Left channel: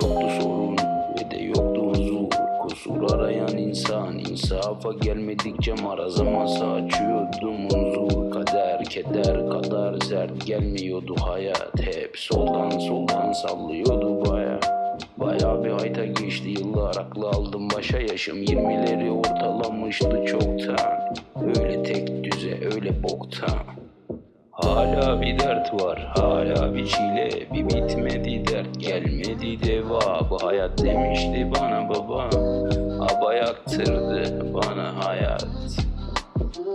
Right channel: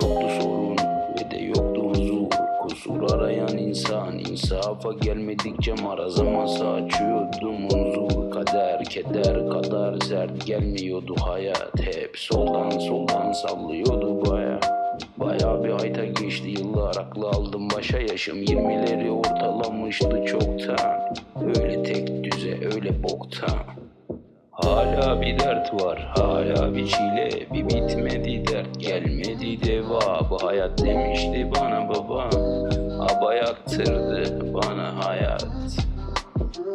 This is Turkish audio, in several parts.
Çoklu sorun ve de yoktu huzur. Kusur arayan insan insafa gelmedikçe maraz masa açıyordum huzur Kader keder kadar sert gelmiyordu hayat. Hep soldan soldan sallıyordu baya. Baya bir hayta geçti yıllar aklı aldım başa. Yaşım 20'leri ortalamıştı çoktan. Öyle tek düze öyle boktan. Hala bir dert var, hala bir çile Bir bitmedi dert, gelmedi deva Bu hayat demişti bana baba Aba yaktırdı bana hayat.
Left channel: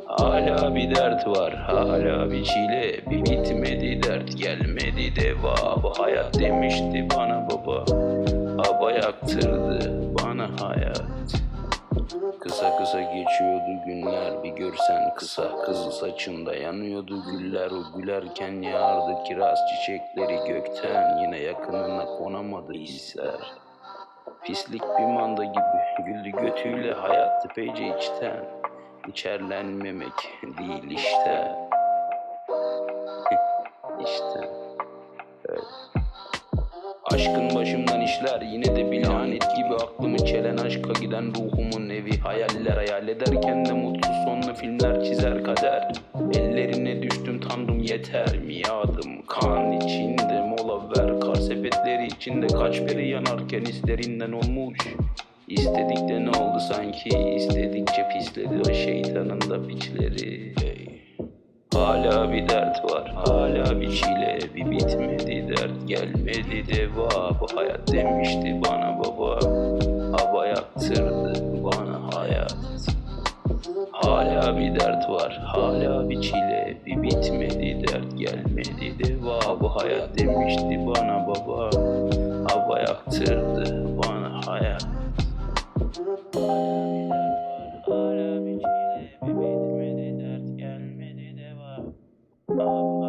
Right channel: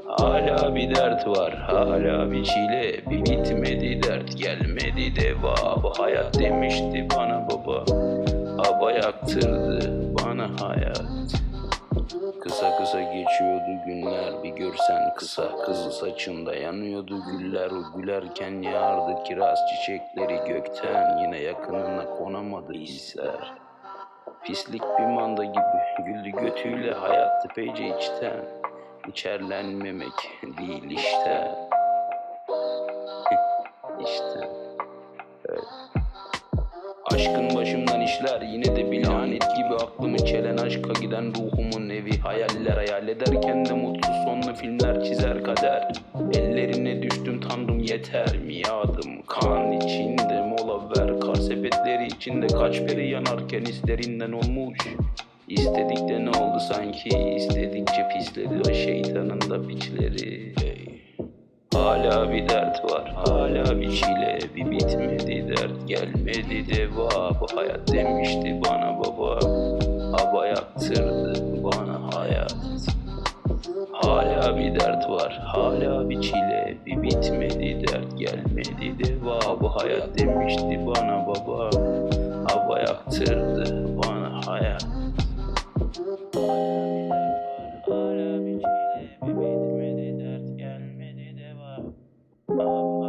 Hala bir dert var, hala bir çile Bir bitmedi dert, gelmedi deva Bu hayat demişti bana baba Aba yaktırdı bana hayat Kısa kısa geçiyordu günler bir görsen kısa Kızıl saçında yanıyordu güller. O gülerken yağardı kiraz çiçekleri gökten Yine yakınına konamadı hisler. Pislik bir manda gibi güldü götüyle hayat epeyce içten. İçerlenmemek değil işte Aşkın başımdan işler yine de bir lanet gibi aklımı çelen aşka giden ruhumun evi. Hayaller hayal ederken de mutsuz sonlu filmler çizer kader. Ellerine düştüm tanrım yeter. Miadım kan içinde mola ver. Kar sepetleri içinde kaç beri yanarken hislerinden olmuş. İstedik de ne oldu sanki? İstedikçe pisledi o şeytanın da piçleri. Hey. Hala bir dert var, hala bir çile dert gelmedi deva Bu hayat demişti bana baba. Hava yaktırdı bana hayat. Hala bir dert var, hala bir çile Bir bitmedi dert. Gelmedi deva Bu hayat demişti bana baba. Hava yaktırdı bana hayat. Hala bir çile Bir bitmedi dert. Gelmedi deva Hava